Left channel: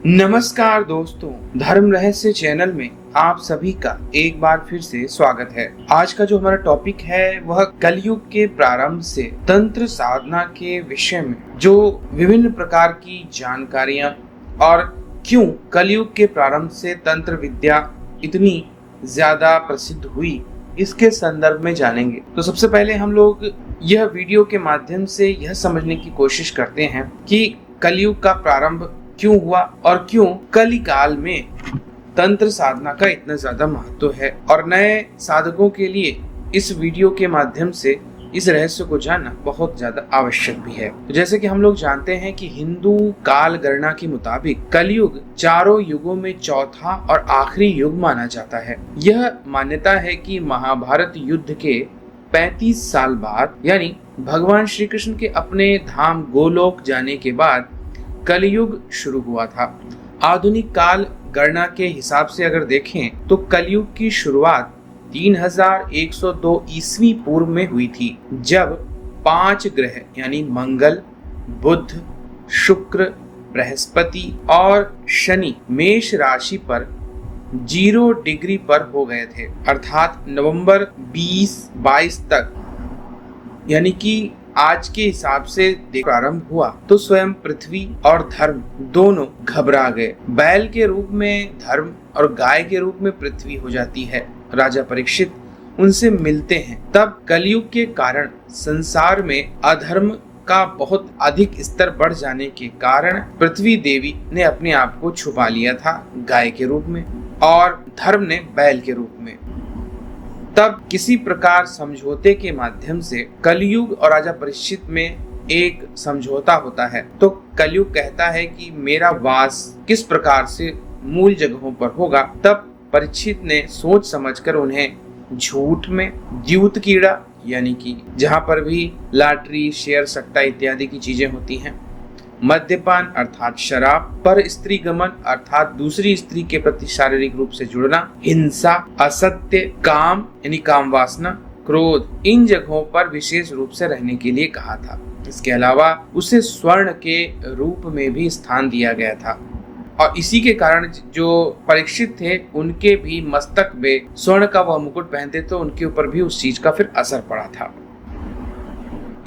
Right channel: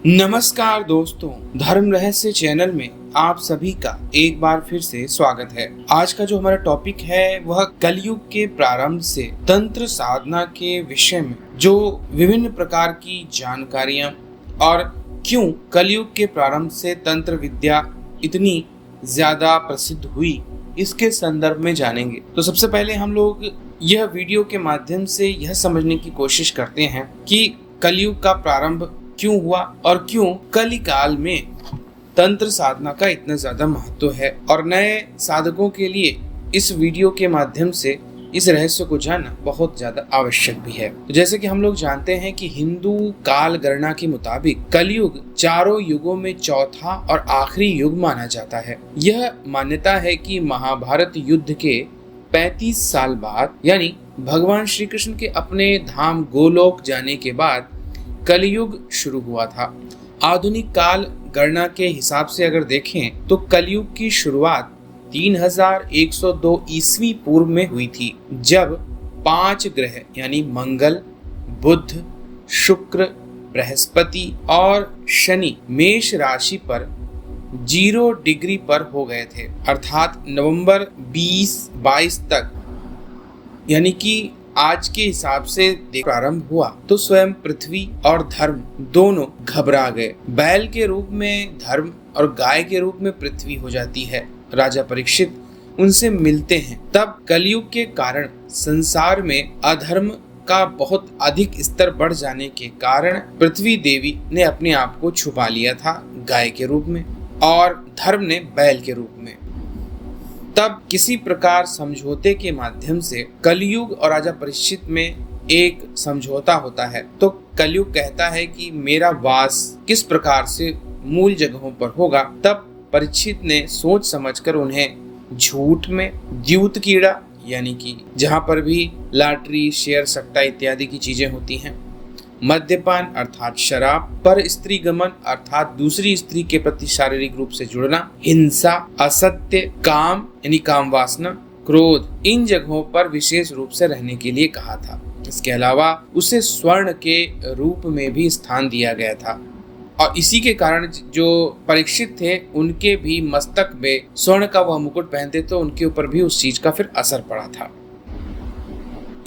नमस्कार दोस्तों, धर्म रहस्य चैनल में आप सभी का एक बार फिर से स्वागत है। आज का जो हमारा टॉपिक है वह कलयुग के प्रारंभ से तंत्र साधना के विषय में जो विभिन्न प्रकार की जानकारियां और क्यों कलयुग के प्रारंभ से तंत्र विद्या इतनी ज्यादा प्रसिद्ध हुई, इसके संदर्भ में जानेंगे। तो सबसे पहले हम लोग यह वीडियो के माध्यम से यह समझने की कोशिश करते हैं कि कलयुग का प्रारंभ क्यों हुआ और क्यों कलिकाल में तंत्र साधना का इतना ज्यादा महत्व है, और नए साधकों के लिए इस वीडियो के माध्यम से इस रहस्य को जानना बहुत ज्यादा आवश्यक भी है। तो जैसे कि हम लोग जानते हैं कि हिंदू काल गणना के मुताबिक कलयुग चारों युगों में चौथा और आखिरी युग माना जाता है। यह मान्यता है कि महाभारत युद्ध के 35 साल बाद, यानी भगवान श्री कृष्ण के अपने धाम गोलोक जाने के बाद कलयुग शुरू हुआ था। आधुनिक काल गणना के हिसाब से अगर देखें तो कलयुग की शुरुआत 3102 ईस्वी पूर्व में हुई थी, जब 5 ग्रह यानी मंगल, बुध, शुक्र, बृहस्पति और शनि मेष राशि पर 0 डिग्री पर हो गए थे। अर्थात नवंबर 2022 तक, यानी कि आज के हिसाब से प्रारंभ हुआ तो स्वयं पृथ्वी और धर्म दोनों घबरा गए। बैल के रूप में धर्म और गाय के रूप में पृथ्वी हो जाती है। राजा परीक्षित उनसे मिलते हैं। तब कलयुग के कारण संसार में अधर्म का बहुत अधिक स्तर बढ़ जाने के कारण पृथ्वी देवी ने अपने आप को छुपा लिया था गाय के रूप में, और धर्म ने बैल के रूप में। तब किसी प्रकार समझौते के माध्यम से कलयुग और राजा परीक्षित में एक समझौता होता है। तो कलयुग कहता है कि मेरा वास किस प्रकार से मूल जगहों पर होगा। तब परीक्षित ने सोच समझकर उन्हें झूठ में द्यूत कीड़ा, यानी कि जहां पर भी लॉटरी, शेयर, सट्टा इत्यादि की चीजें होती हैं, मद्यपान अर्थात शराब, पर स्त्री गमन अर्थात दूसरी स्त्री के प्रति शारीरिक रूप से जुड़ना, हिंसा, असत्य, काम यानी काम वासना, क्रोध, इन जगहों पर विशेष रूप से रहने के लिए कहा था। इसके अलावा उसे स्वर्ण के रूप में भी स्थान दिया गया था, और इसी के कारण जो परीक्षित थे उनके भी मस्तक में स्वर्ण का वह मुकुट पहनते तो उनके ऊपर भी उस चीज का फिर असर पड़ा था।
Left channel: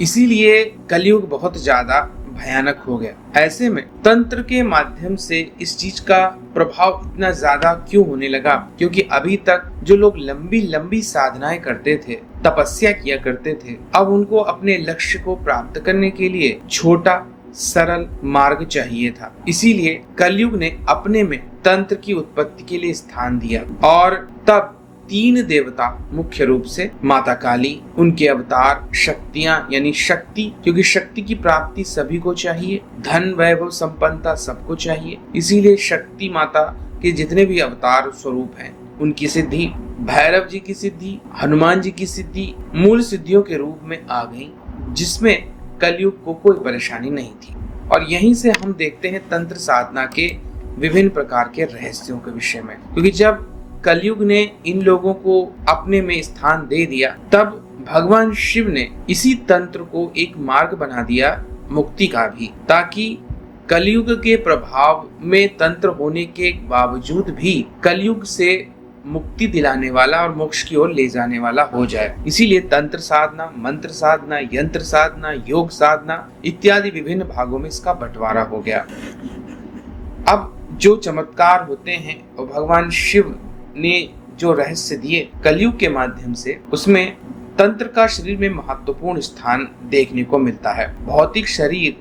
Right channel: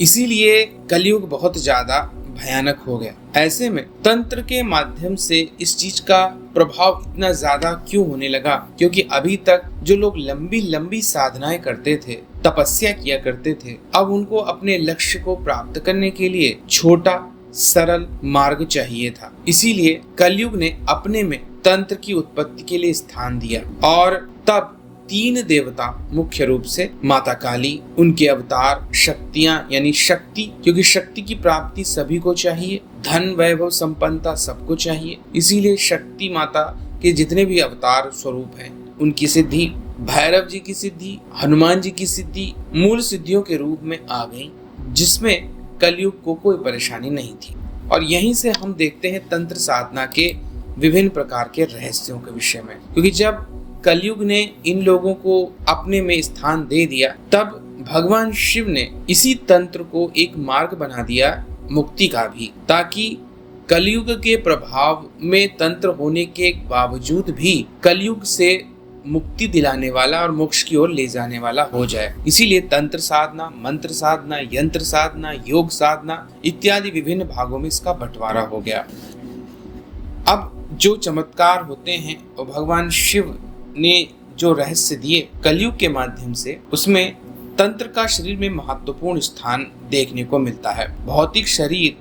इसीलिए कलयुग बहुत ज्यादा भयानक हो गया। ऐसे में तंत्र के माध्यम से इस चीज का प्रभाव इतना ज्यादा क्यों होने लगा? क्योंकि अभी तक जो लोग लंबी लंबी साधनाएं करते थे, तपस्या किया करते थे, अब उनको अपने लक्ष्य को प्राप्त करने के लिए छोटा सरल मार्ग चाहिए था। इसीलिए कलयुग ने अपने में तंत्र की उत्पत्ति के लिए स्थान दिया, और तब 3 देवता, मुख्य रूप से माता काली, उनके अवतार, शक्तियां यानी शक्ति, क्योंकि शक्ति की प्राप्ति सभी को चाहिए, धन, वैभव, संपन्नता सबको चाहिए। इसीलिए शक्ति माता के जितने भी अवतार स्वरूप हैं उनकी सिद्धि, भैरव जी की सिद्धि, हनुमान जी की सिद्धि मूल सिद्धियों के रूप में आ गई, जिसमें कलयुग को कोई परेशानी नहीं थी। और यहीं से हम देखते हैं तंत्र साधना के विभिन्न प्रकार के रहस्यों के विषय में, क्योंकि जब कलयुग ने इन लोगों को अपने में स्थान दे दिया, तब भगवान शिव ने इसी तंत्र को एक मार्ग बना दिया मुक्ति का भी, ताकि कलयुग के प्रभाव में तंत्र होने के बावजूद भी कलयुग से मुक्ति दिलाने वाला और मोक्ष की ओर ले जाने वाला हो जाए। इसीलिए तंत्र साधना, मंत्र साधना, यंत्र साधना, योग साधना इत्यादि विभिन्न भागों में इसका बंटवारा हो गया। अब जो चमत्कार होते हैं वो भगवान शिव ने जो रहस्य दिए कलयुग के माध्यम से, उसमें तंत्र का शरीर में महत्वपूर्ण स्थान देखने को मिलता है। भौतिक शरीर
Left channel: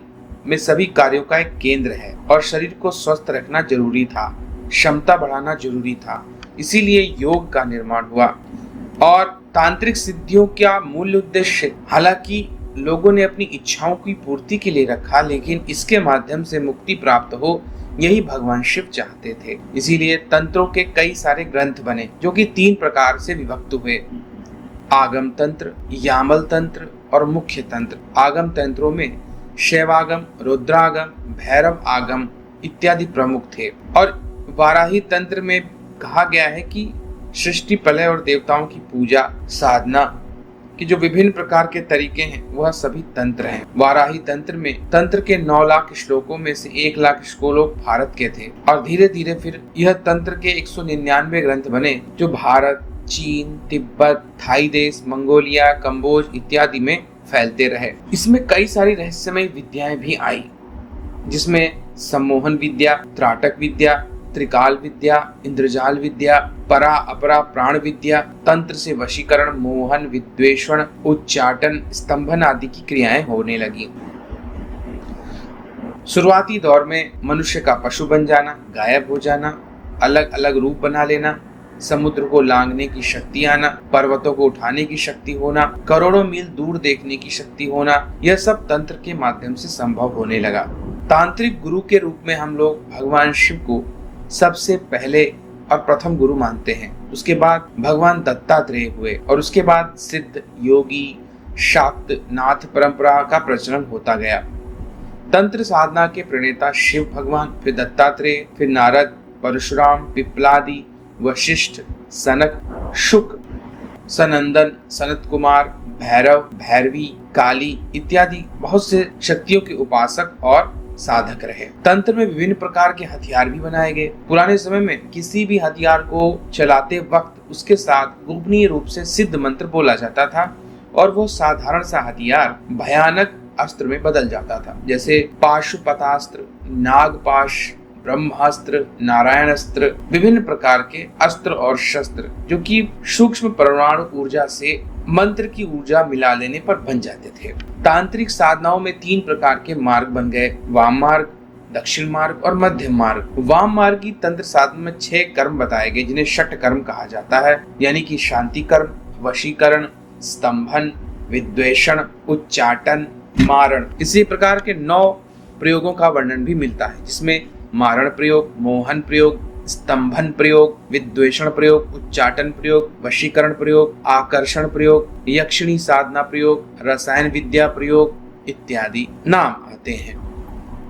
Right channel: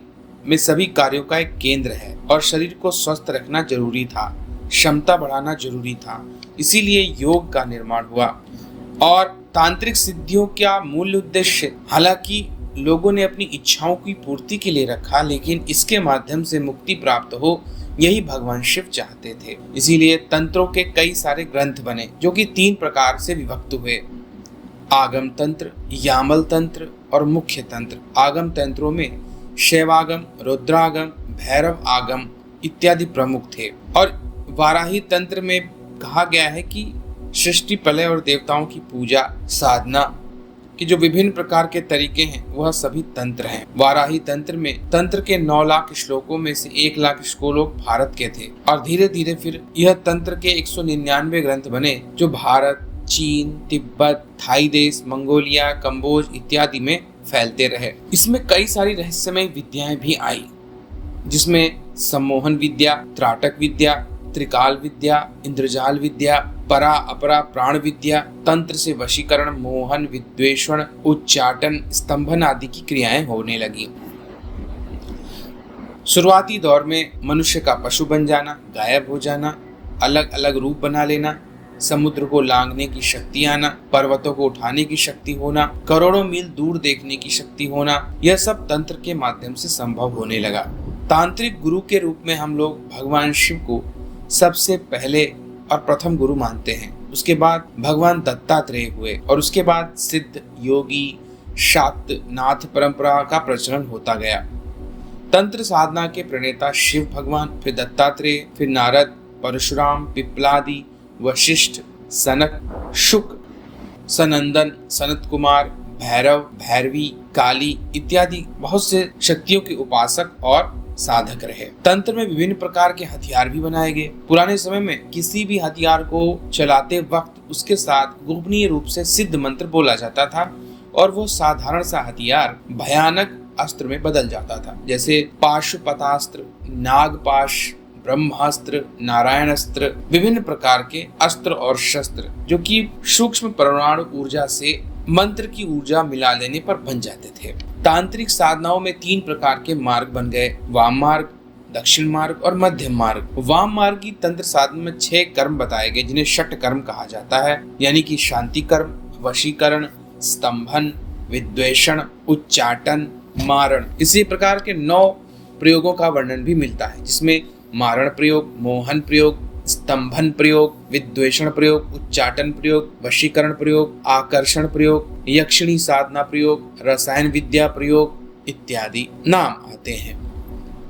में सभी कार्यों का एक केंद्र है, और शरीर को स्वस्थ रखना जरूरी था, क्षमता बढ़ाना जरूरी था। इसीलिए योग का निर्माण हुआ, और तांत्रिक सिद्धियों का मूल उद्देश्य हालांकि लोगों ने अपनी इच्छाओं की पूर्ति के लिए रखा, लेकिन इसके माध्यम से मुक्ति प्राप्त हो, यही भगवान शिव चाहते थे। इसीलिए तंत्रों के कई सारे ग्रंथ बने, जो कि 3 प्रकार से विभक्त हुए: आगम तंत्र, यामल तंत्र और मुख्य तंत्र। आगम तंत्रों में शैवागम, रुद्रागम, भैरव आगम इत्यादि प्रमुख थे। और वाराही तंत्र में कहा गया है कि सृष्टि, प्रलय और देवताओं की पूजा साधना कि जो विभिन्न प्रकार के तरीके हैं वह सभी तंत्र हैं। वाराही तंत्र में तंत्र के 9 लाख श्लोकों में से 1 लाख श्लोक भारत के थे और धीरे धीरे फिर यह तंत्र के 199 ग्रंथ बने जो भारत, चीन, तिब्बत, थाई देश, मंगोलिया, कंबोज इत्यादि में फैलते रहे। इसमें कई सारी रहस्यमय विद्याएं भी आई, जिसमें सम्मोहन विद्या, त्राटक विद्या, त्रिकाल विद्या, इंद्रजाल विद्या, परा अपरा प्राण विद्या, तंत्र से वशीकरण, मोहन, विद्वेषण, उच्चाटन, स्तंभन आदि की क्रियाएं होने लगी। शुरुआती दौर में मनुष्य का पशु बन जाना, गायब हो जाना, अलग अलग रूप बना लेना, समुद्र को लांघने की शक्ति आना, पर्वतों को उठाने की शक्ति होना, करोड़ों मील दूर देखने की शक्ति होना, यह सब तंत्र के माध्यम से संभव होने लगा। तांत्रिक गुरु के रूप में हम लोग भगवान शिव को सबसे पहले और प्रथम गुरु मानते हैं। उसके बाद भगवान दत्तात्रेय हुए और उसके बाद सिद्ध, योगी, शाक्त, नाथ परंपरा का प्रचलन होता गया। तंत्र साधना के प्रणेता शिव भगवान, फिर दत्तात्रेय, फिर नारद, परशुराम, पिप्लादि, वशिष्ठ, सनक, शुक, सनंदन, सनत कुमार, भैरव, भैरवी, काली इत्यादि बहुत से शक्तियों के उपासक और साधक रहे। तंत्र में विभिन्न प्रकार के हथियार भी बनाए गए। पुराने समय में किसी भी हथियार को चलाते वक्त उसके साथ गोपनीय रूप से सिद्ध मंत्र बोला जाता था और वो साधारण सा हथियार भयानक अस्त्र में बदल जाता था, जैसे पाशुपतास्त्र, नागपाश, ब्रह्मास्त्र, नारायणास्त्र, विभिन्न प्रकार के अस्त्र और शस्त्र जो कि सूक्ष्म परमाणु ऊर्जा से मंत्र की ऊर्जा मिला लेने पर बन जाते थे। तांत्रिक साधनाओं में 3 प्रकार के मार्ग बन गए, वाम मार्ग, दक्षिण मार्ग और मध्यम मार्ग। वाम मार्ग की तंत्र साधना में 6 कर्म बताए गए जिन्हें षट कर्म कहा जाता है, यानी कि शांति कर्म, वशीकरण, स्तंभन, विद्वेषण, उच्चाटन, मारण। इसी प्रकार के 9 प्रयोगों का वर्णन भी मिलता है, जिसमें मारण प्रयोग, मोहन प्रयोग, स्तंभन प्रयोग, विद्वेषण प्रयोग, उच्चाटन प्रयोग, वशीकरण प्रयोग, आकर्षण प्रयोग, यक्षिणी साधना प्रयोग, रसायन विद्या प्रयोग इत्यादि नाम आते हैं।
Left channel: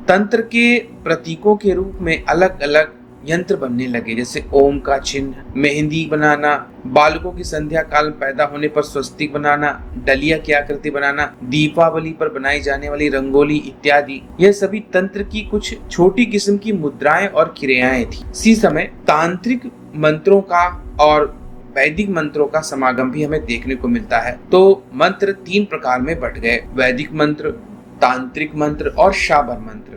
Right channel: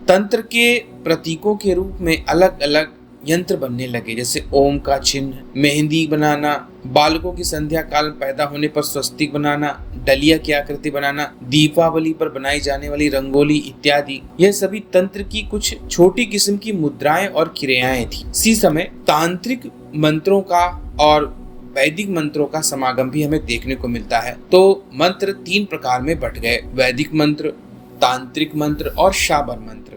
तंत्र के प्रतीकों के रूप में अलग अलग यंत्र बनने लगे, जैसे ओम का चिन्ह, मेहंदी बनाना, बालकों की संध्या काल में पैदा होने पर स्वस्तिक बनाना, डलिया की आकृति बनाना, दीपावली पर बनाई जाने वाली रंगोली इत्यादि। यह सभी तंत्र की कुछ छोटी किस्म की मुद्राएं और क्रियाएं थी। इसी समय तांत्रिक मंत्रों का और वैदिक मंत्रों का समागम भी हमें देखने को मिलता है। तो मंत्र 3 प्रकार में बट गए, वैदिक मंत्र, तांत्रिक मंत्र और शाबर मंत्र।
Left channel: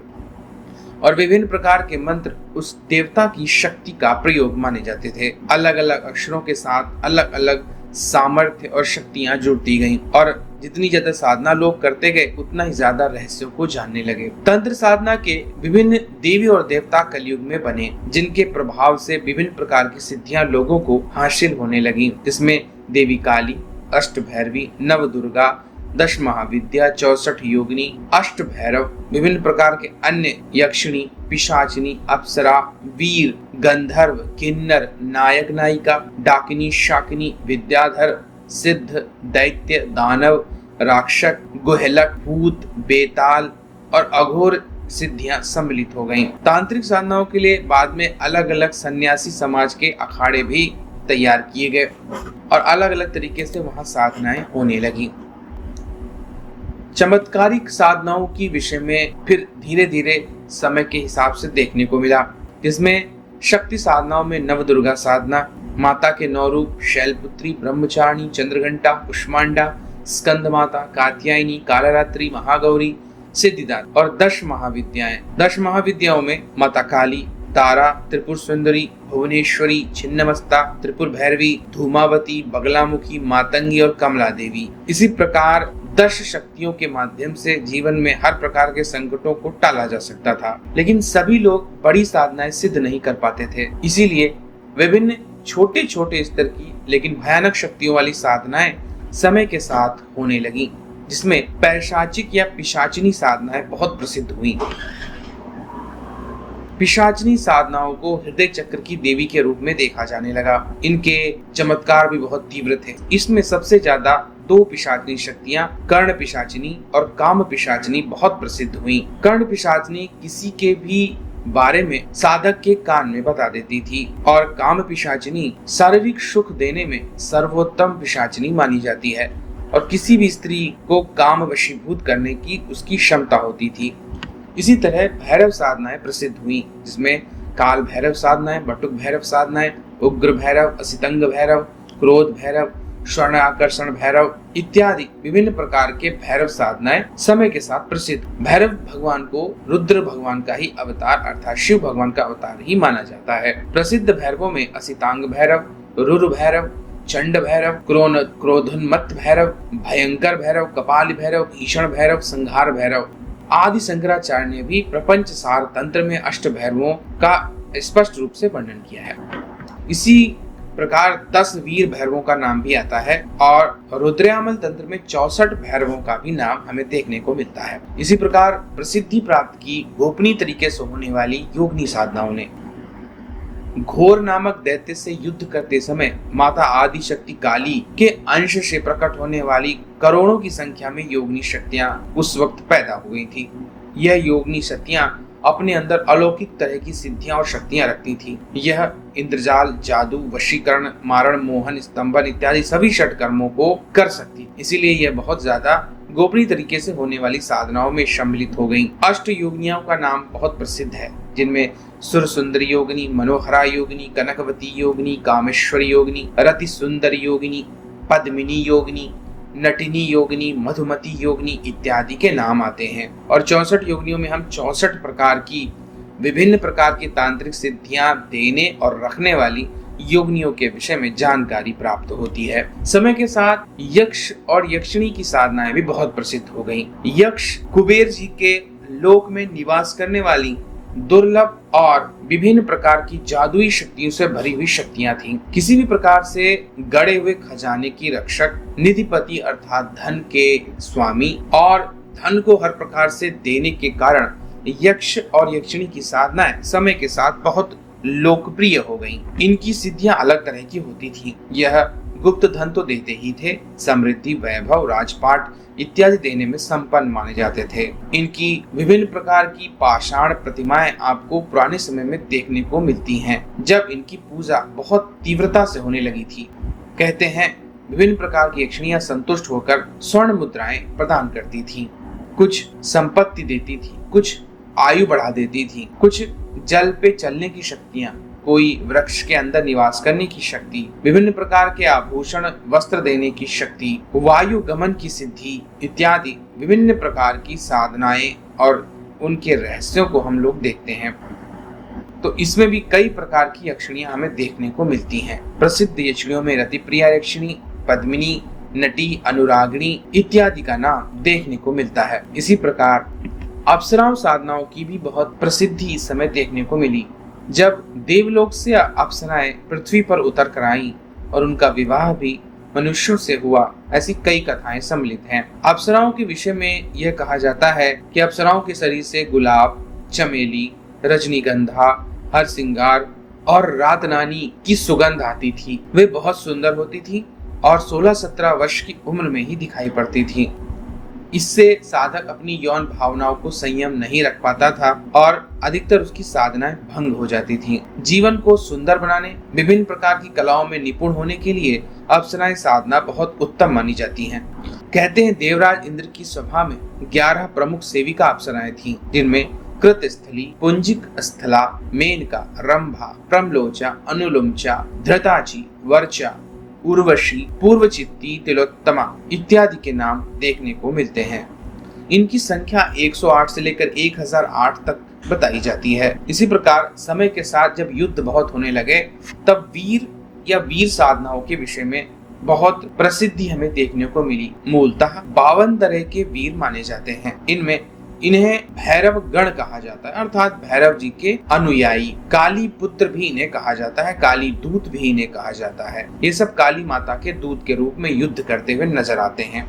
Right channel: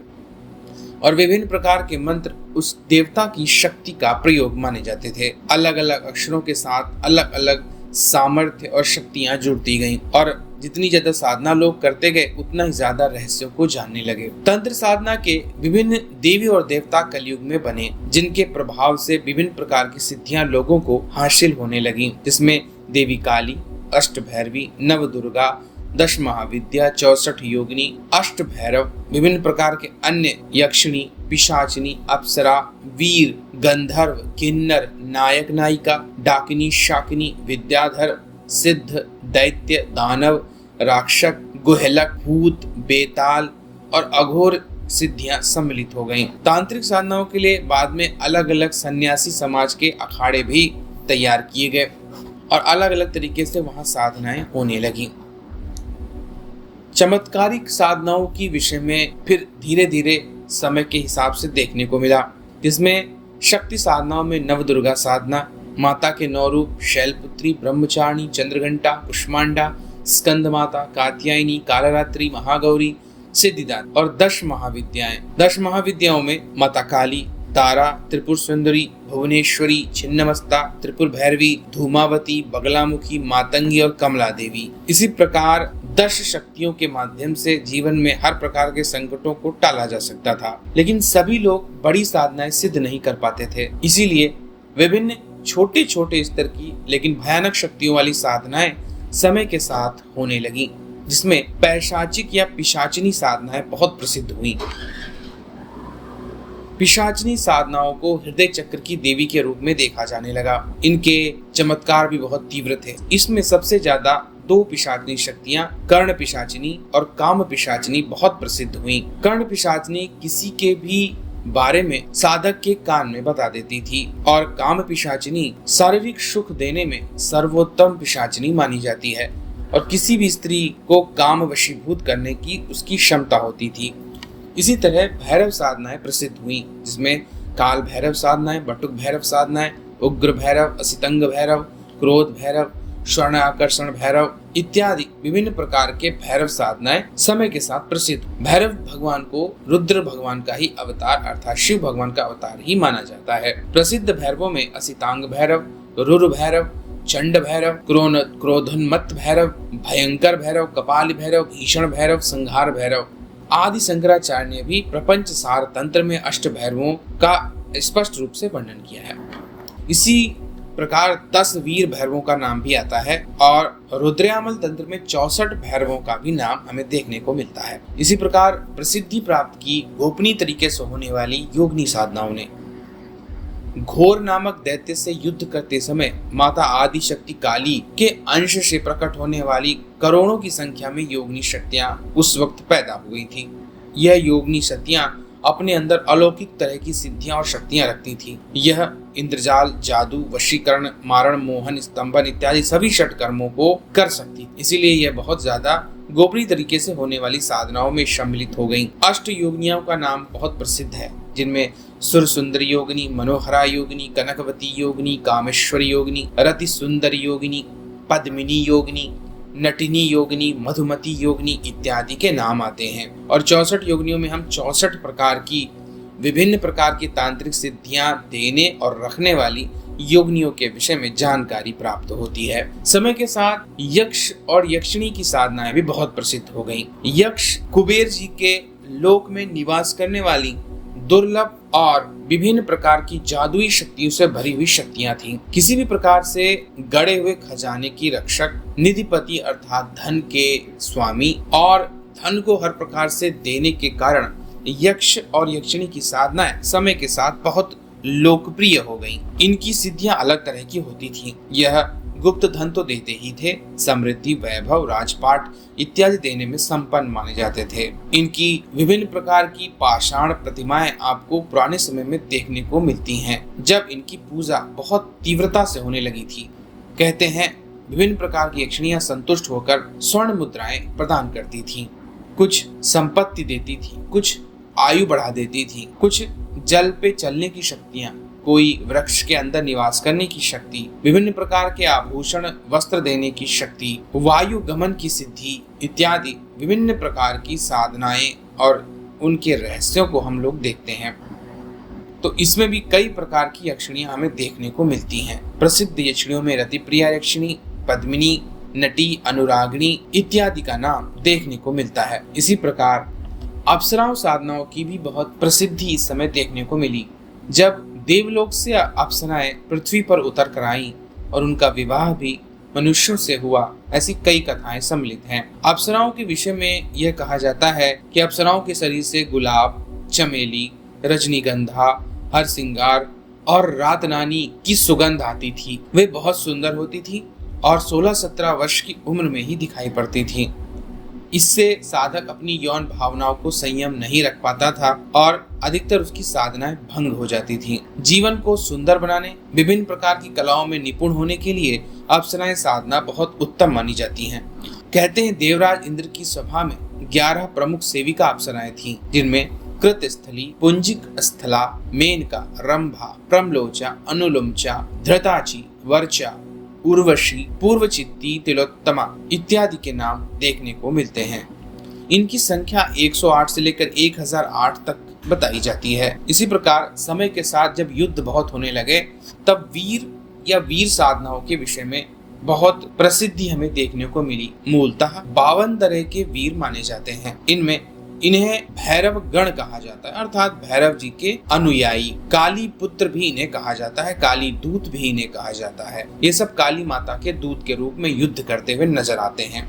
और विभिन्न प्रकार के मंत्र उस देवता की शक्ति का प्रयोग माने जाते थे। अलग अलग अक्षरों के साथ अलग अलग सामर्थ्य और शक्तियां जुड़ती गईं और जितनी ज्यादा साधना लोग करते गए उतना ही ज्यादा रहस्यों को जानने लगे। तंत्र साधना के विभिन्न देवी और देवता कलयुग में बने, जिनके प्रभाव से विभिन्न प्रकार की सिद्धियां लोगों को हासिल होने लगी, जिसमें देवी काली, अष्ट भैरवी, नव दुर्गा, 10 महाविद्या, 64 योगिनी, अष्ट भैरव, विभिन्न प्रकार के अन्य यक्षिणी, पिशाचिनी, अप्सरा, वीर, गंधर्व, किन्नर, नायक नायिका, डाकिनी, शाकिनी, विद्याधर, सिद्ध, दैत्य, दानव, राक्षक, गुहलक, भूत, बेताल और अघोर सिद्धियां सम्मिलित हो गईं। तांत्रिक साधनाओं के लिए बाद में अलग अलग सन्यासी समाज के अखाड़े भी तैयार किए गए और अलग अलग तरीके से वहां साधनाएं होने लगी। चमत्कारिक साधनाओं की विषय में फिर धीरे धीरे समय के हिसाब से देखने को मिला, जिसमें शक्ति साधनाओं में नवदुर्गा साधना, माता के 9 रूप, शैलपुत्री, ब्रह्मचारिणी, चंद्रघंटा, कुष्मांडा, स्कंद माता, कात्यायनी, कालरात्रि, महागौरी, सिद्धिदात्री और 10 महाविद्याएं। 10 महाविद्याओं में माता काली, तारा, त्रिपुर सुंदरी, भुवनेश्वरी, छिन्नमस्ता, त्रिपुर भैरवी, धूमावती, बगलामुखी, मातंगी और कमला देवी। इसी प्रकार 10 शक्तियों के माध्यम से जीवन में हर प्रकार के संकटों को टाला जा सकता था, लेकिन सभी लोग बड़ी साधनाएं सिद्ध नहीं कर पाते थे। इसीलिए विभिन्न छोटे छोटे स्तर की लेकिन भयानक शक्तियों वाली साधनाएं समय के साथ होने लगी, जिसमें पैशाचिक या पिशाचिनी साधनाएं बहुत प्रसिद्ध हुई। पिशाचिनी साधनाओं को हृदय चक्र की देवी के रूप में देखा जाने लगा। इनके चमत्कार भी बहुत तीव्र थे। इसमें सबसे ज्यादा 2 पिशाचिनी शक्तियां कर्ण पिशाचिनी और काम पिशाचिनी बहुत प्रसिद्ध हुई। कर्ण पिशाचिनी किसी के भी बारे में साधक के कान में बता देती थी और काम पिशाचिनी शारीरिक सुख देने में सर्वोत्तम पिशाचिनी मानी जाती है। और किसी भी स्त्री को काम वशीभूत करने की उसकी क्षमता होती थी। इसी तरह भैरव साधनाएं प्रसिद्ध हुई, जिसमें काल भैरव साधनाएं, बटुक भैरव साधनाएं, उग्र भैरव, असितंग भैरव, क्रोध भैरव, स्वर्ण आकर्षण भैरव इत्यादि विभिन्न प्रकार के भैरव साधनाएं समय के साथ प्रसिद्ध। भैरव भगवान को रुद्र भगवान का ही अवतार अर्थात शिव भगवान का अवतार ही माना जाता है। प्रसिद्ध भैरवों में असितांग भैरव, रुर भैरव, चंड भैरव, क्रोधोन्मत्त भैरव, भयंकर भैरव, कपाल भैरव, भीषण भैरव, संहार भैरव आदि शंकराचार्य ने भी प्रपंच सार तंत्र में अष्ट भैरवों का स्पष्ट रूप से वर्णन किया है। इसी प्रकार 10 वीर भैरवों का नाम भी आता है और रुद्रयामल तंत्र में 64 भैरवों का भी नाम हमें देखने को मिलता है। इसी प्रकार प्रसिद्धि प्राप्त की गोपनीय तरीके से होने वाली योगिनी साधनाओं ने घोर नामक दैत्य से युद्ध करते समय माता आदि शक्ति काली के अंश से प्रकट होने वाली करोड़ों की संख्या में योगिनी शक्तियां उस वक्त पैदा हो गई थी। यह योगिनी शक्तियां अपने अंदर अलौकिक तरह की सिद्धियां और शक्तियां रखती थी। यह इंद्रजाल, जादू, वशीकरण, मारण, मोहन, स्तंभन इत्यादि सभी षटकर्मों को कर सकती। इसीलिए यह बहुत ज्यादा गोपनीय तरीके से होने वाली साधनाओं में सम्मिलित हो गईं। अष्ट योगिनियों का नाम बहुत प्रसिद्ध है, जिनमें सुर सुंदरी योगिनी, मनोहरा योगिनी, कनकवती योगिनी, कामेश्वरी योगिनी, रति सुंदरी योगिनी, पद्मिनी योगिनी, नटिनी योगिनी, मधुमती योगिनी इत्यादि के नाम आते हैं। और 64 योगिनियों में हम 64 प्रकार की विभिन्न प्रकार की तांत्रिक सिद्धियां देने और रखने वाली योगिनियों के विषय में जानकारी प्राप्त होती है। समय के साथ यक्ष और यक्षिणी की साधनाएं भी बहुत प्रसिद्ध हो गईं। यक्ष कुबेर जी के लोक में निवास करने वाली दुर्लभ और विभिन्न प्रकार की जादुई शक्तियों से भरी हुई शक्तियां थीं। किसी भी प्रकार से गड़े हुए खजाने की रक्षक, निधिपति अर्थात धन के स्वामी और धन को हर प्रकार से देने के कारण यक्ष और यक्षिणी की साधनाएं समय के साथ बहुत लोकप्रिय हो गईं। इनकी सिद्धियां अलग तरह की होती थीं। यह गुप्त धन तो देते ही थे, समृद्धि, वैभव, राजपाट इत्यादि देने में संपन्न माने जाते थे। इनकी विभिन्न प्रकार की पाषाण प्रतिमाएं आपको पुराने समय में देखने को मिलती हैं, जब इनकी पूजा बहुत तीव्रता से होने लगी थी। कहते हैं विभिन्न प्रकार की यक्षिणियां संतुष्ट होकर स्वर्ण मुद्राएं प्रदान करती थीं। कुछ संपत्ति देती थी, कुछ आयु बढ़ा देती थी, कुछ जल पे चलने की शक्तियां, कोई वृक्ष के अंदर निवास करने की शक्ति, विभिन्न प्रकार के आभूषण वस्त्र देने की शक्ति, वायु गमन की सिद्धि इत्यादि विभिन्न प्रकार की साधनाएं और उनके रहस्यों को हम लोग देखते हैं। तो इसमें भी कई प्रकार की यक्षिणियां हमें देखने को मिलती हैं। प्रसिद्ध यक्षिणियों में रतिप्रिया यक्षिणी, पद्मिनी, नटी, अनुरागिणी इत्यादि का नाम देखने को मिलता है। इसी प्रकार अप्सराओं साधनाओं की भी बहुत प्रसिद्धि इस समय देखने को मिली। जब देवलोक से अप्सराएं पृथ्वी पर उतर कर आईं और उनका विवाह भी मनुष्यों से हुआ, ऐसी कई कथाएं सम्मिलित हैं। अप्सराओं के विषय में यह कहा जाता है कि अप्सराओं के शरीर से गुलाब, चमेली, रजनीगंधा, हरसिंगार और रातनानी की सुगंध आती थी। वे बहुत सुंदर होती थी और 16-17 वर्ष की उम्र में ही दिखाई पड़ती थी। इससे साधक अपनी यौन भावनाओं को संयम नहीं रख पाता था और अधिकतर उसकी साधनाएं भंग हो जाती थीं। जीवन को सुंदर बनाने, विभिन्न प्रकार की कलाओं में निपुण होने के लिए अप्सराएं साधना बहुत उत्तम मानी जाती हैं। कहते हैं देवराज इंद्र की सभा में 11 प्रमुख सेविका अप्सराएं थीं, जिनमें कृतस्थली, पुंजिक स्थला, मेनका, रंभा, प्रमलोचा, अनुलोमचा, धृताची, वर्चा, उर्वशी, पूर्वचित्ती, तिलोत्तमा इत्यादि के नाम देखने को मिलते हैं। इनकी संख्या 108 से लेकर 1008 तक बताई जाती है। इसी प्रकार समय के साथ जब युद्ध बहुत होने लगे, तब वीर या वीर साधनाओं के विषय में बहुत प्रसिद्धि हमें देखने को मिली। मूलतः 52 तरह के वीर माने जाते हैं। इन्हें भैरव गण कहा जाता है, अर्थात भैरव जी के अनुयायी। काली पुत्र भी इन्हें कहा जाता है, काली दूत भी इन्हें कहा जाता है। ये सब काली माता के दूत के रूप में युद्ध करते हुए नजर आते हैं।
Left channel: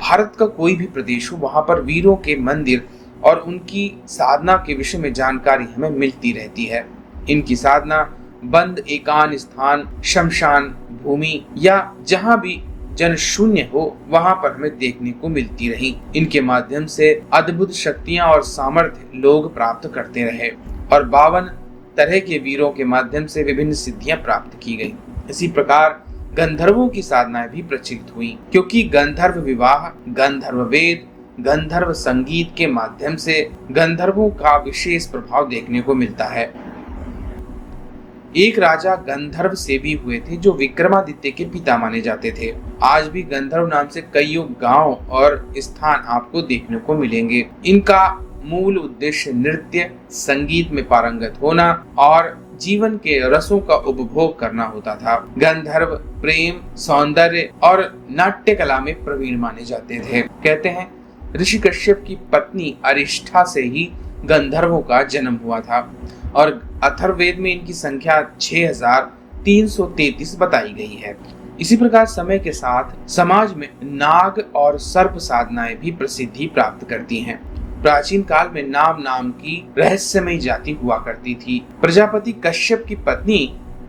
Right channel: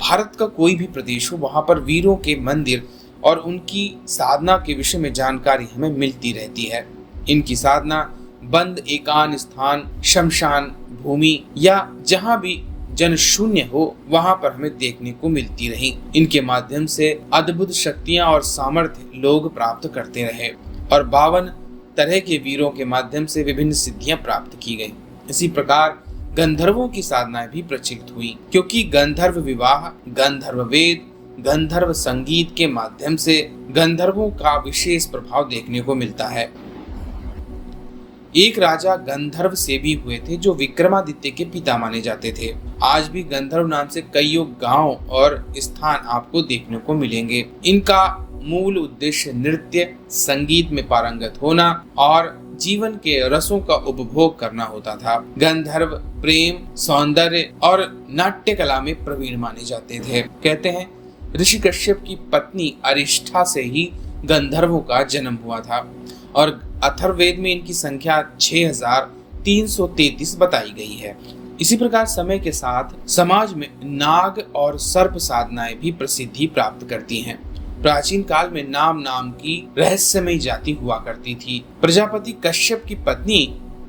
भारत का कोई भी प्रदेश हो, वहां पर वीरों के मंदिर और उनकी साधना के विषय में जानकारी हमें मिलती रहती है। इनकी साधना बंद एकांत स्थान, शमशान भूमि या जहां भी जन शून्य हो, वहां पर हमें देखने को मिलती रही। इनके माध्यम से अद्भुत शक्तियां और सामर्थ्य लोग प्राप्त करते रहे और 52 तरह के वीरों के माध्यम से विभिन्न सिद्धियां प्राप्त की गई। इसी प्रकार गंधर्वों की साधनाएं भी प्रचलित हुई, क्योंकि गंधर्व विवाह, गंधर्व वेद, गंधर्व संगीत के माध्यम से गंधर्वों का विशेष प्रभाव देखने को मिलता है। एक राजा गंधर्व से भी हुए थे जो विक्रमादित्य के पिता माने जाते थे। आज भी गंधर्व नाम से कई गांव और स्थान आपको देखने को मिलेंगे। इनका मूल उद्देश्य नृत्य, संगीत में पारंगत होना और जीवन के रसों का उपभोग करना होता था। गंधर्व प्रेम, सौंदर्य और नाट्य कला में प्रवीण माने जाते थे। कहते हैं ऋषि कश्यप की पत्नी अरिष्ठा से ही गंधर्वों का जन्म हुआ था और अथर्ववेद में इनकी संख्या 6333 बताई गई है। इसी प्रकार समय के साथ समाज में नाग और सर्प साधनाएं भी प्रसिद्धि प्राप्त करती हैं। प्राचीन काल में नाम की रहस्यमयी जाति हुआ करती थी। प्रजापति कश्यप की पत्नी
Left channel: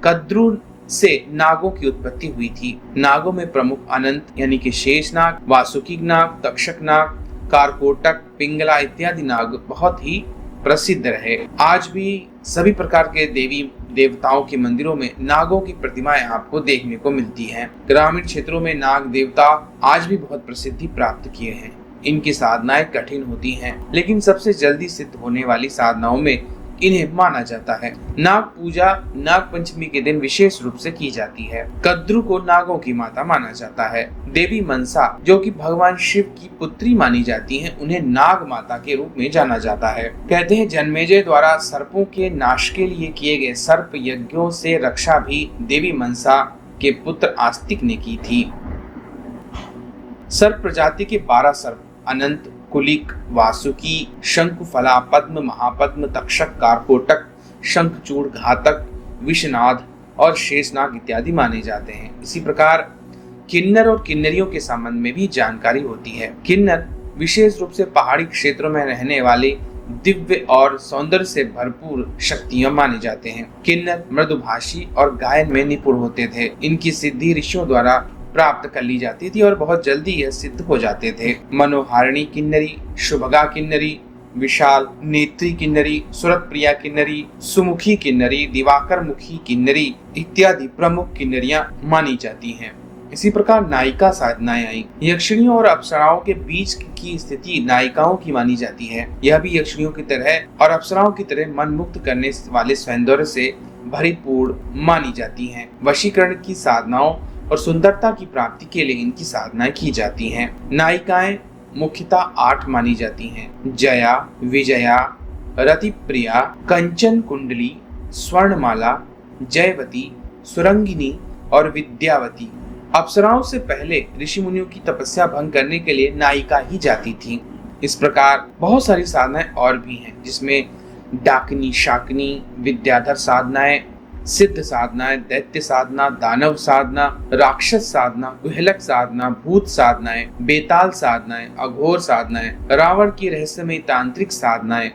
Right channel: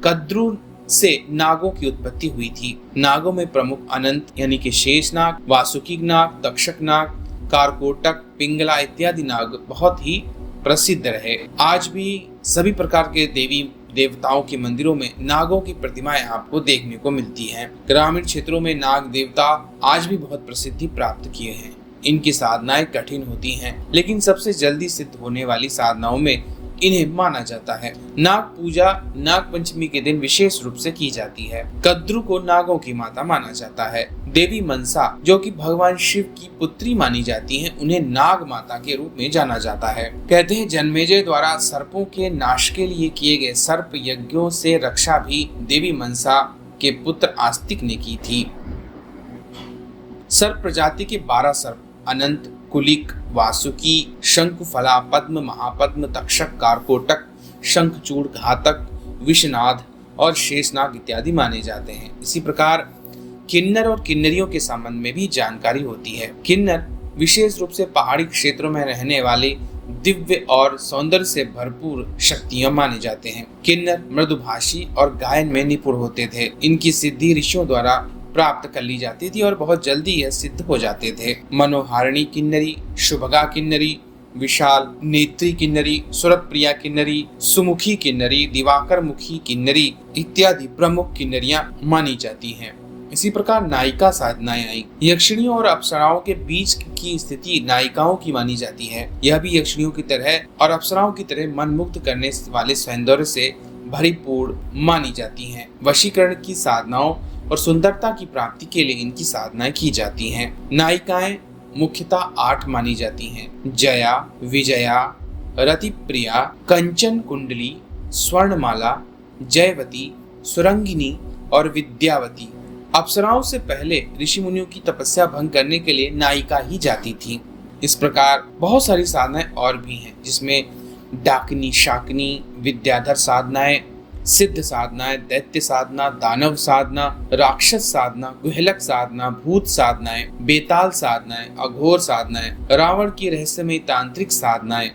कद्रू से नागों की उत्पत्ति हुई थी। नागों में प्रमुख अनंत यानी कि शेषनाग, वासुकी नाग, तक्षक नाग, कारकोटक, पिंगला इत्यादि नाग बहुत ही प्रसिद्ध रहे। आज भी सभी प्रकार के देवी देवताओं के मंदिरों में नागों की प्रतिमाएं आपको देखने को मिलती हैं। ग्रामीण क्षेत्रों में नाग देवता आज भी बहुत प्रसिद्धि प्राप्त किए हैं। इनकी साधनाएं कठिन होती हैं, लेकिन सबसे जल्दी सिद्ध होने वाली साधनाओं में इन्हें माना जाता है। नाग पूजा नाग पंचमी के दिन विशेष रूप से की जाती है। कद्रू को नागों की माता माना जाता है। देवी मनसा जो कि भगवान शिव की पुत्री मानी जाती हैं, उन्हें नाग माता के रूप में जाना जाता है। कहते हैं जन्मेजय द्वारा सर्पों के नाश के लिए किए गए सर्प यज्ञों से रक्षा भी देवी मनसा के पुत्र आस्तिक ने की थी। सर्प प्रजाति के 12 सर्प अनंत, कुलिक, वासुकी, शंकुफला, पद्म, महापद्म, तक्षक, कारकोटक, शंखचूड़, घातक, विषनाद और शेषनाग इत्यादि माने जाते हैं। इसी प्रकार किन्नर और किन्नरियों के संबंध में भी जानकारी होती है। किन्नर विशेष रूप से पहाड़ी क्षेत्रों में रहने वाले दिव्य और सौंदर्य से भरपूर शक्तियां माने जाते हैं। किन्नर मृदुभाषी और गायन में निपुण होते थे। इनकी सिद्धि ऋषियों द्वारा प्राप्त कर ली जाती थी और बहुत जल्दी यह सिद्ध हो जाते थे। मनोहारिणी किन्नरी, शुभगा किन्नरी, विशाल नेत्री किन्नरी, सुरप्रिया किन्नरी, सुमुखी किन्नरी, दिवाकर मुखी किन्नरी इत्यादि प्रमुख किन्नरियां मानी जाती हैं। इसी प्रकार नायिका साधनाएं आई। यक्षिणियों और अप्सराओं के बीच की स्थिति नायिकाओं की मानी जाती है। यह भी यक्षिणियों की तरह और अप्सराओं की तरह मन मुक्त करने वाले सौंदर्य से भरीपूर्ण मानी जाती हैं। वशीकरण की साधनाओं और सुंदरता की प्राप्ति के लिए इनकी साधनाएं की जाती हैं। नायिकाएं मुख्यतः 8 मानी जाती हैं। जया, विजया, रतिप्रिया, कंचन कुंडली, स्वर्णमाला, जयवती, सुरंगिनी और विद्यावती। अप्सराओं से पहले ऋषि मुनियों की तपस्या भंग करने के लिए नायिका ही जाती थी। इस प्रकार बहुत सारी साधनाएं और भी हैं, जिसमें डाकिनी, शाकिनी, विद्याधर साधनाएं, सिद्ध साधनाएं, दैत्य साधना, दानव साधना, राक्षस साधना, गुहलक साधना, भूत साधनाएं, बेताल साधनाएं, अघोर साधनाएं, रावण की रहस्यमयी तांत्रिक साधनाएं,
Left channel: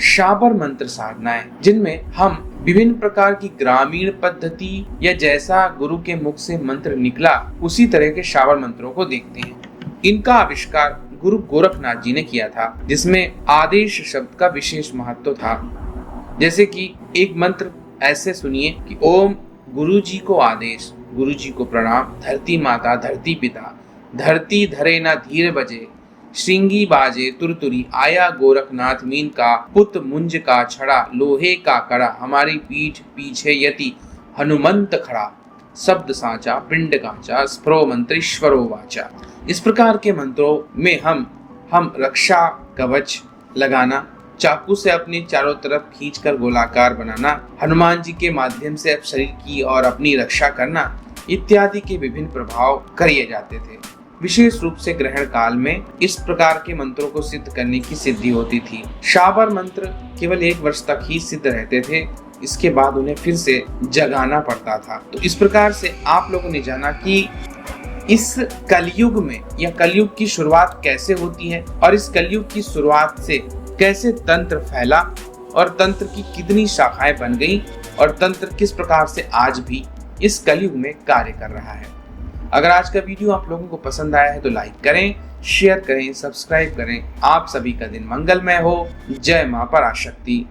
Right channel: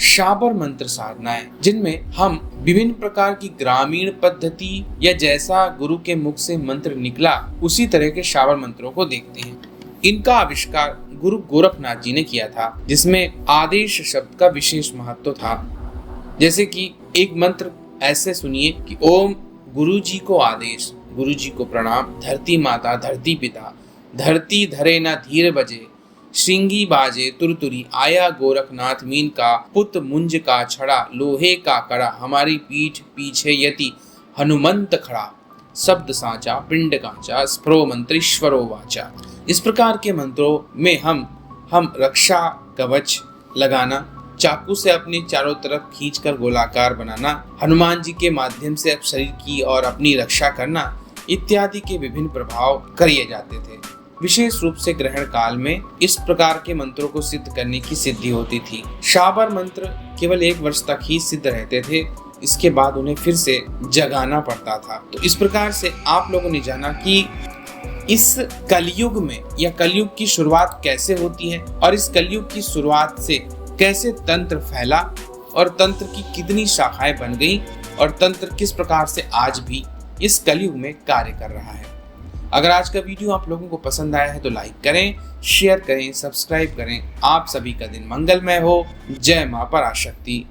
शाबर मंत्र साधनाएं, जिनमें हम विभिन्न प्रकार की ग्रामीण पद्धति या जैसा गुरु के मुख से मंत्र निकला उसी तरह के शाबर मंत्रों को देखते हैं। इनका आविष्कार गुरु गोरखनाथ जी ने किया था, जिसमें आदेश शब्द का विशेष महत्व था। जैसे कि एक मंत्र ऐसे सुनिए कि ओम गुरु जी को आदेश, गुरु जी को प्रणाम, धरती माता, धरती पिता, धरती धरे ना धीर बजे, श्रृंगी बाजे तुरतुरी, आया गोरखनाथ मीन का पुत मुंज का छड़ा, लोहे का कड़ा, हमारी पीठ पीछे यति हनुमंत खड़ा, शब्द सांचा पिंड कांचा, स्प्रो मंत्रीश्वरो वाचा। इस प्रकार के मंत्रों में हम रक्षा कवच लगाना, चाकू से अपने चारों तरफ खींचकर गोलाकार बनाना, हनुमान जी के माध्यम से शरीर की और अपनी रक्षा करना इत्यादि के विभिन्न प्रभाव किए जाते थे। विशेष रूप से ग्रहण काल में इस प्रकार के मंत्रों को सिद्ध करने की सिद्धि होती थी। शाबर मंत्र केवल 1 वर्ष तक ही सिद्ध रहते थे, इसके बाद उन्हें फिर से जगाना पड़ता था। तो इस प्रकार से आप लोगों ने जाना कि इस कलयुग में या कलयुग की शुरुआत कैसे होती है और इस कलयुग की शुरुआत से कैसे तंत्र फैला और तंत्र की कितनी शाखाएं बन गई और तंत्र किस प्रकार से आज भी इस कलयुग में कार्य कर रहा है। अगर आज का वीडियो आप लोगों को पसंद आया है तो लाइक करें, शेयर करें, सब्सक्राइब करें। आप सभी का दिन मंगलमय हो। जय मां पराशक्ति।